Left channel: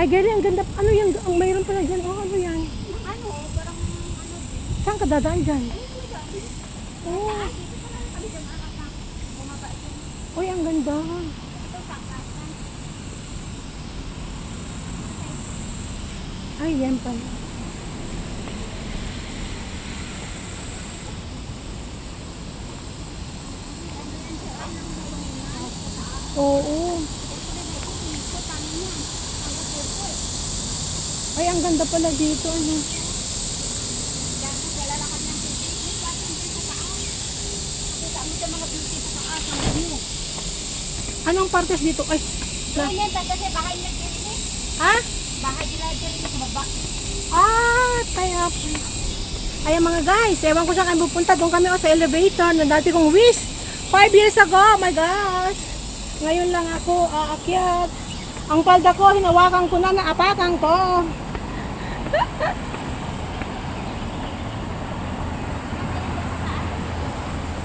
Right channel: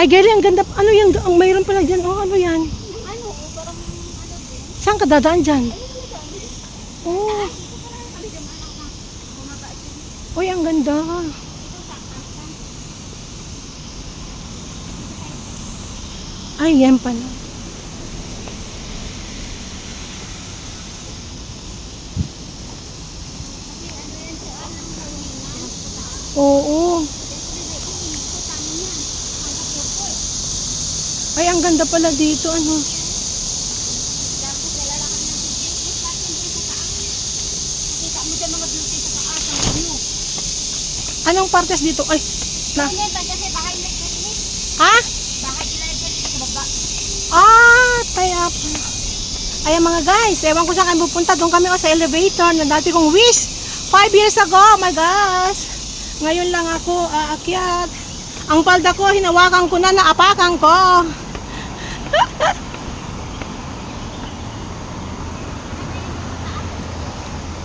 Ay, Gary, ang ganda. Ano yan? Ang mayroon pala dyan. Oh, ano yan? Ano, parang ano din. Saan ka dadaan dyan? Ayun mo dyan. Oh. Dito pa lang kami dyan. Bumaba dyan. Uy, ang ganda. Ito, saktas ka. Ay, yan pala. Oo. Ay, ang ganda pala dito. Ano? Dapat lalakad ng beauty. Yes, bakit dyan sa taas? Nakita mo dyan mga beauty sa taas. Ang view. Anong partes dito? Ay, na. Ano yan? Kasi bahay nila dyan. Ha? Bahay nila dyan sa baba. Ah, kaya pala. Ayan mga guys, ewan ko saan kayo pupunta. Doon kami sa elevator na dati kong wish. 5 years ago, oh my gosh. Ngayon lang ako aakyat. Ang palda ko, hinawakan ko na, naapakan ko.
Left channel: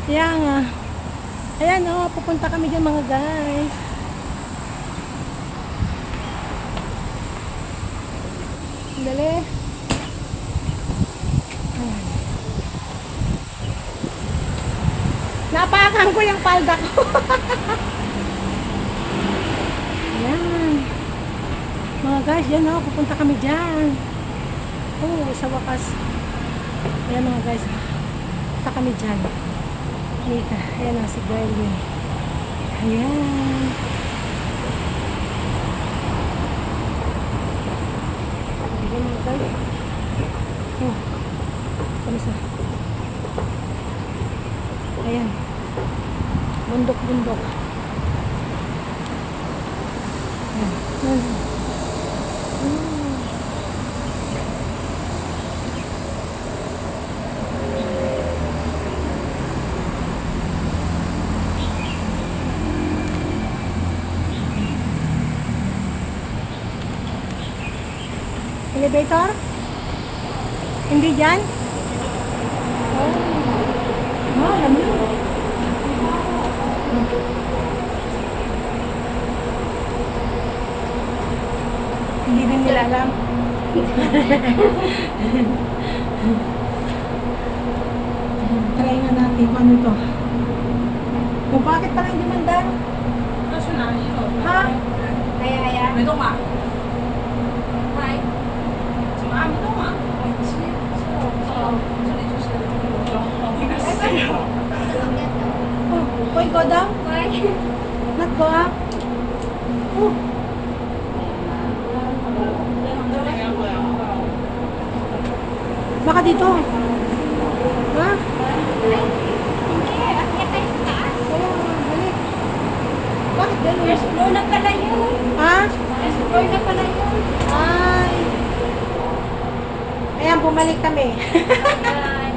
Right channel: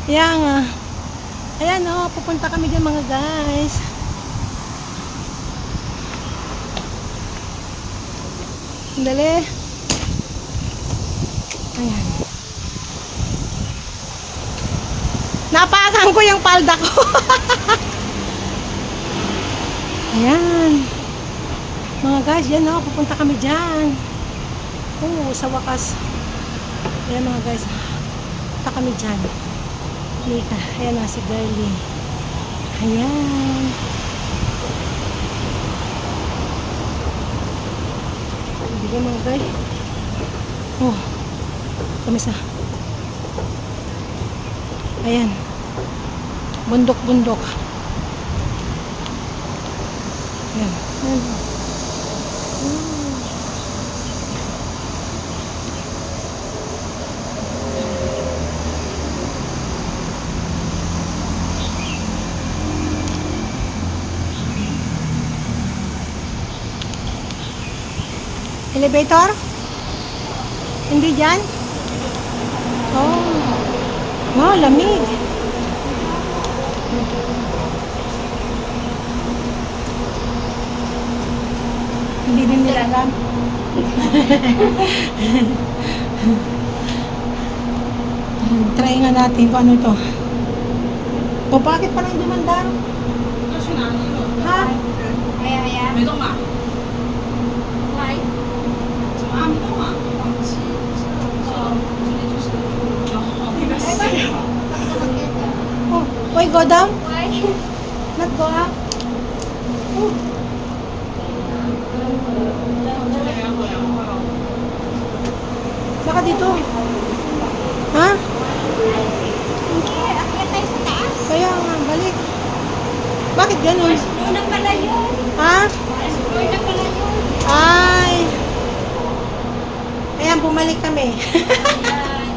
Yan nga. Ayan oh, pupunta kami dyan mga guys. Dali. Ayan. Napakan ko yung palda ko. Ayan. Mga guys, yan o. Pupunta kami dyan. Oo, sa wakas. Ayan mga guys. Pupunta kami dyan. Lika. Ayan na si Girlie. Ayan. Ayan mga guys. Oh. Kumisa. Ayan. Bundok-bundok. Ayan. Ayan. Elevator? Hindi dyan? Oh. Wow, lamig. Hindi din nila alam. Try nga natin kung ano ito. O bakit pala hindi mandar? Ha? Kaya, kaya. Why? Oh, why go down? Why? Not go up? Oh. Baka dito. Ha? Hindi, akyat tayo sa taas. Kaya nga, balik. Bakit ganun? First floor na pala yun. Ha? First floor na pala yun. Ay. Ayan, bumalik kami. Ayan, bumalik.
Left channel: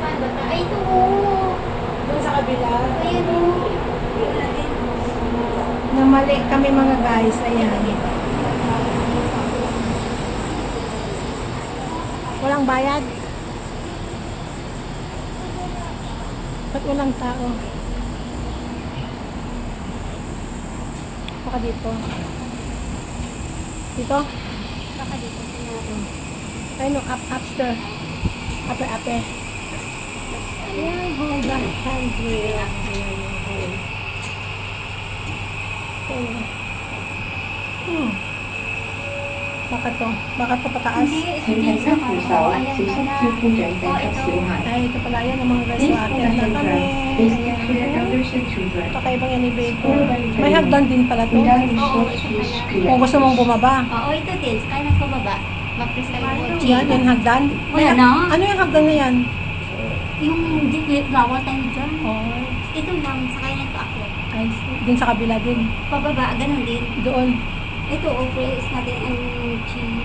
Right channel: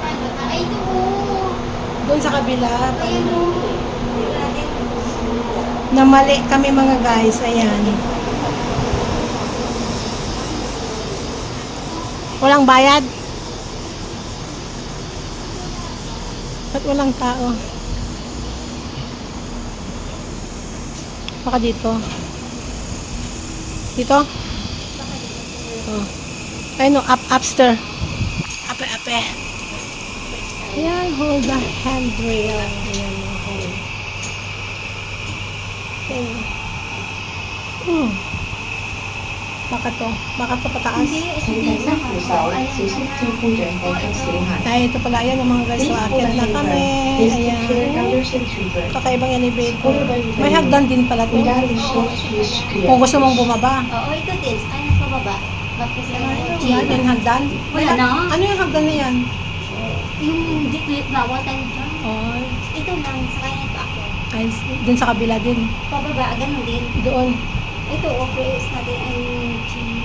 Saan ba tayo? Ay, doon. Doon sa kabila. Ayun o. Namali kami mga guys. Ayan. Walang bayad? Ba't walang tao? Baka dito. Dito? Oh. Ayun o, upstairs. Ape. Ayan, hold the handrail. Ayan, hold. Ayan. Oh. Baka to pataas. Ay, ito pala yan ang mga guys. So, akyat na kami. Ayan. Kakaibang elevator. May hagdan din pala to. Kung gusto mong bumaba. Oo, ito din. Kaya nasa baba. Yan, yung hagdan. May, Wala na. ano yung hagdan na yan? Yung dito, bawal tayo dyan. Oh, Ito lang, sa kanya ito ako. ay, dun sa kabila din. Pababa, ganun din. Doon. Ito, office natin ang gym.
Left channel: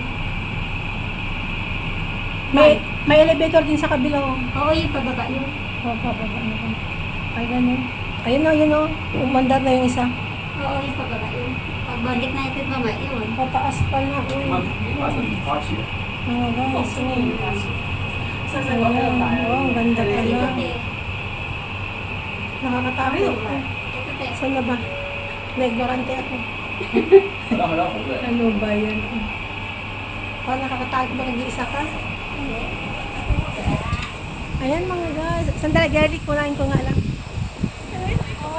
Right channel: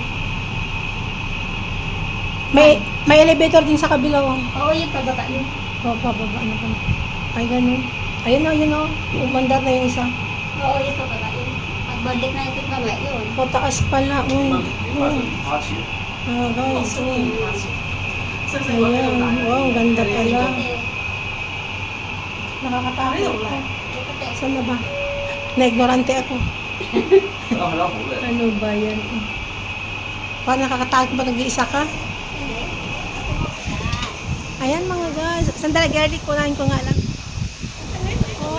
May elevator din sa kabila. Oh, Oo, yung pababa yun. pababa. Ano ba? Ay, ganun. Ayun o. Umandar na yung isa. Oo, yung pababa yun. Pagbalik na ito, mamaya yun. Pataas pala. Mga guys. Ayan. Wow, ang ganda pala. Nakakatakot. Ito, Saan na ba? Na-ignorante ako. Ano ba yan? Paano nakakatakot ba nag-iisa ka? Hindi. Ayan mga guys. Sandali, Gerrit, kunain ko nga lang. Oh,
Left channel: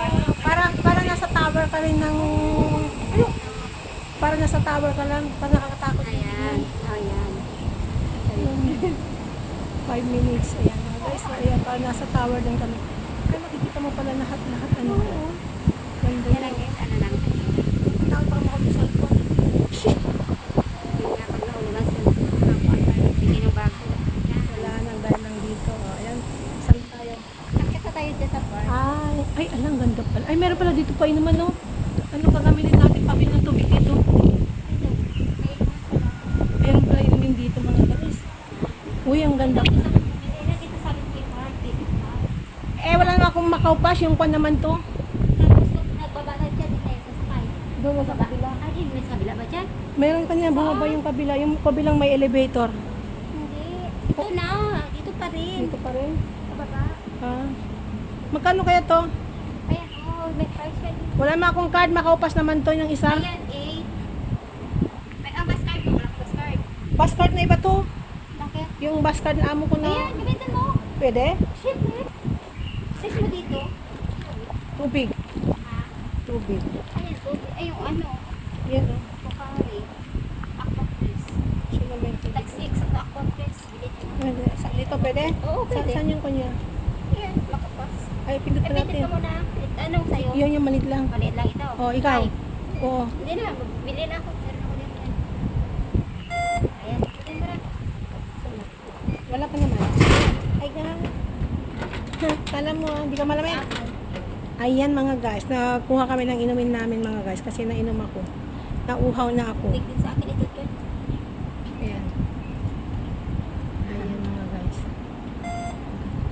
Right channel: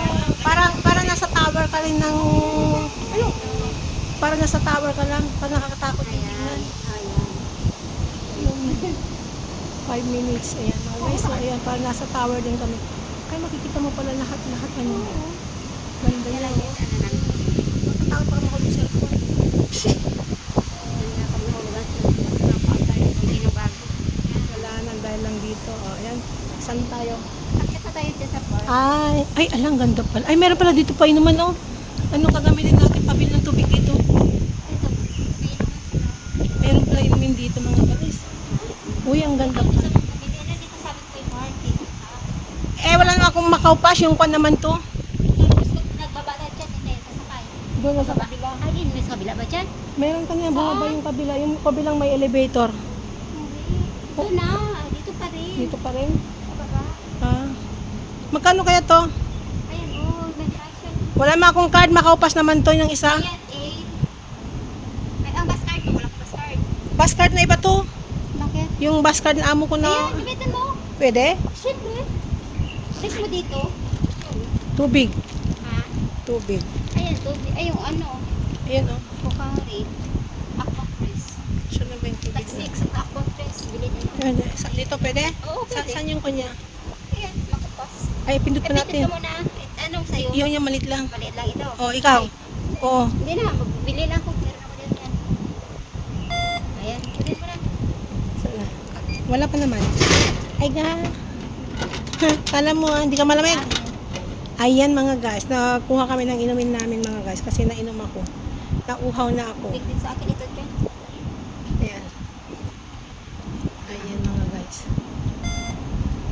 parang nasa tower ka rin ng... Parang nasa tower ka lang. Parang nakakatakot. Ayan. Ayan. 5 minutes. Ayan mga guys. So, ayan, parang nasa tower din kami. Ay, makikita mo pala lahat. Ano? Ganda Yan yun. ang ano lang. Takot pa kami sa ko. Wala nang dahil lang dito. Oh, ayan. Saan tayo? Akit na tayo dyan sa park. Ay, alang ganda pala. Ay, meron pala dito pa inuman, no? Ano kagamitin natin pabili ng tubig dito? Meron pala inumin dito, mga guys. Uy, ang ganda pa. Bili na dito sa Queen Market. Eh, wala na akong Macau Pass. Yung pan naman to. Tapos nagbaba na dyan din eh. Sasakay. Doon sa kabila. Ay, yun. May sa kabila ba dyan? Meron kanina bumaba yung kabila. Yung kabilang may elevator. Hindi. Dito na. Dito pa rin. Dito pa rin. Baba. Ah. Magkano kaya to? Ayan, oh. May price yan. Wala ma akong card. Macau Pass naman to yung isa. Ayan, 8. May ang bus card mo. Wala ka bus card. Bus card na iba to. Bakit? Yung bus card na amo ko na. Ayan, gamitin mo. Pwede? Siyempre. Place mo dito. Tubig. Ha? Tubig. Ayan, tubig. Ay, yung ano. Ayan o. Mukhang rate. Aqua Press. Siya na ba yung tubig? Tag 6 at Aqua Press. Bili na. Pwede. Dito pwede? Oo, Saan, pwede. saan yung kanya? Ayan, makapas. Ay, pindot pa Kapitin natin. ka muna. Anong sa'yo? Yun yung malit lang. Maliit lang ito. Oh, ikaw. Oo. Hindi na, bili na ako. Pero naman yan. Ayan, bili mo na. Wala pa naman. Ay ga. Kala mo hindi ka malamig. Ayan mga guys, nakuha kami ng inumin namin mga guys kasi nainom ako. Nauhaw na ako. Big din sa akin ito dyan. Ayan. Ayan mga guys.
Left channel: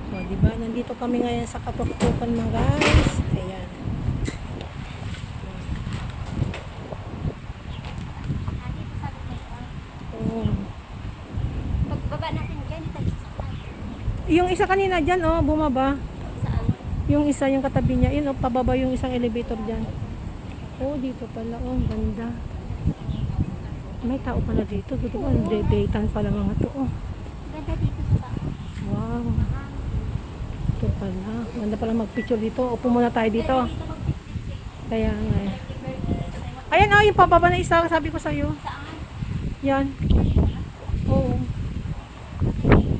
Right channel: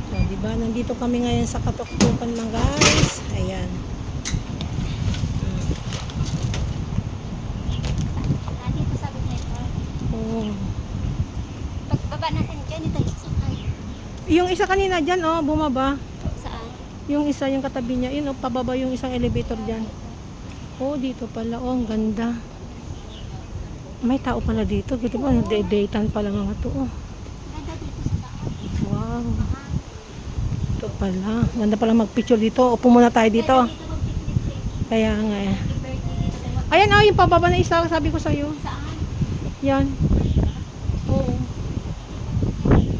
O, diba? Nandito kami ngayon sa katuktukan mga guys. Ayan. Nandito sa akin ito. Oh. Pagbaba natin dyan, ito sasakay. Yung isa kanina dyan, oh, bumaba. Saan? Yung isa, yung katabi niya, yun, oh, pababa yung isang elevator dyan. Oh, dito pala, oh, ang ganda. May tao pala dito, dito ba? Daytime pala mga to, oh. Ganda dito sa taas. Wow, Mahal. ito pala. Ganda pala mag-picture dito. Upo muna tayo dito. Dito mag-picnic. Kaya nga eh. Happy birthday dito kayo. Ayan, oh, yung pababa na isa, sabi ko sa'yo. Saan? Yan. Oo.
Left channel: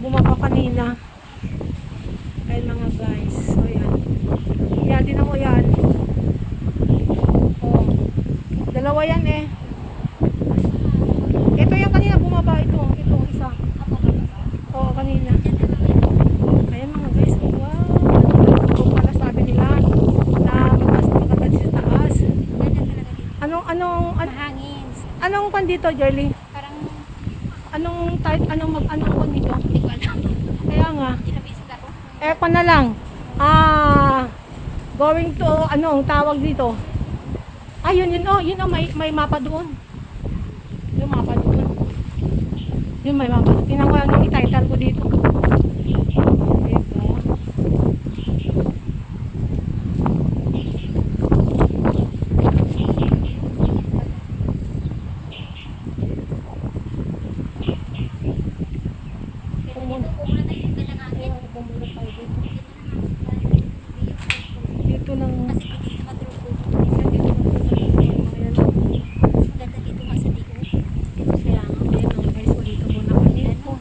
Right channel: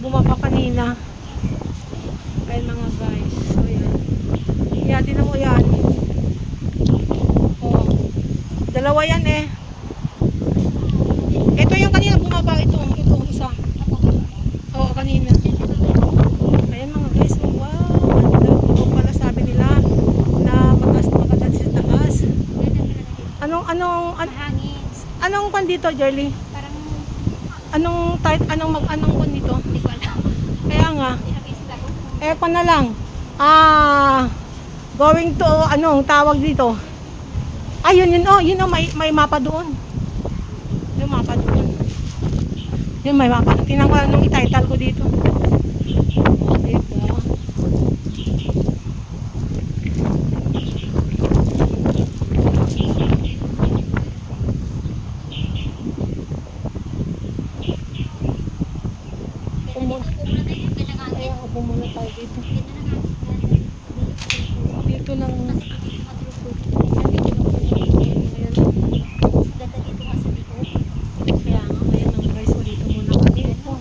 Bumaba kanina. Ayan mga guys. So, yan. Yan, tinan mo yan. Oh. Dalawa yan eh. Ito yung kanina bumaba. Ito isa. Oo, kanina. Ayan mga guys. Oh, wow. Ito pala sabi nila na mataas na maganda sa taas. Mahangin. Anong kan dito, Jerly? Parang Anong type, anong kan dito? hindi ko alam. Kaya nga. Pinabisit ako. Aircon na lang. Going to, ano, tawag dito. Ayun, yun, may mapa doon. May mapa doon. Yun, may mapa. Tingnan ko anong ititle ko dito. Dito. Ayun, upo muna tayo dito. Dito lang. Kaya nga, ayan ang guys, dito muna kami po.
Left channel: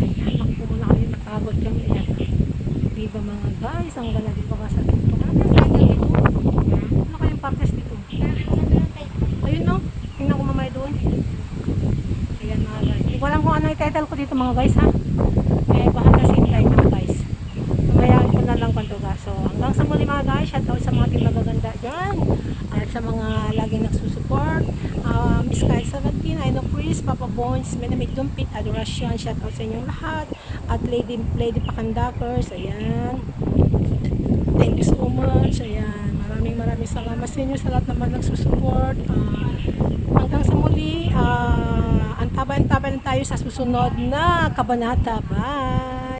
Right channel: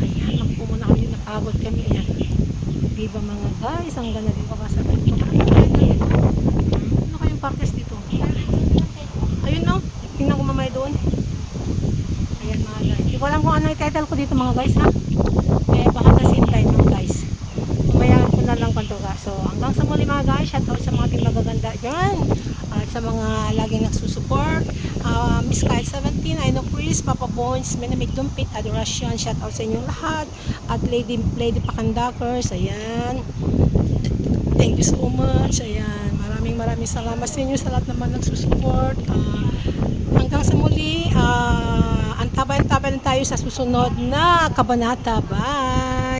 Ayan, magpo muna kami, napagod kami. Di ba mga guys, ang ganda dito ka sa dito. Ano kayong partes dito? Ayun no, tingnan ko mamaya doon. Ayan mga guys. Hindi ko alam kung ano yung title ko dito mga guys ha. Kaya baka nasintay na guys. Mamayaan ko na lang kung ka. So hanggang sa muli mga guys, shout out sa mga team magaganda dyan. At sa mga laging nagsusupport. Miss Kyle 17, I know Chris, Papa Bones, Menamig Dumpit, Adoration, shout out sa inyong lahat. At Lady Pakandakers, ayan. Thank you so much. Ayan. Maraming salamat sa inyo sa lahat naman nagsusupport. Hanggang sa muli, antabayan tayo sa susunod na kabanata. Bye!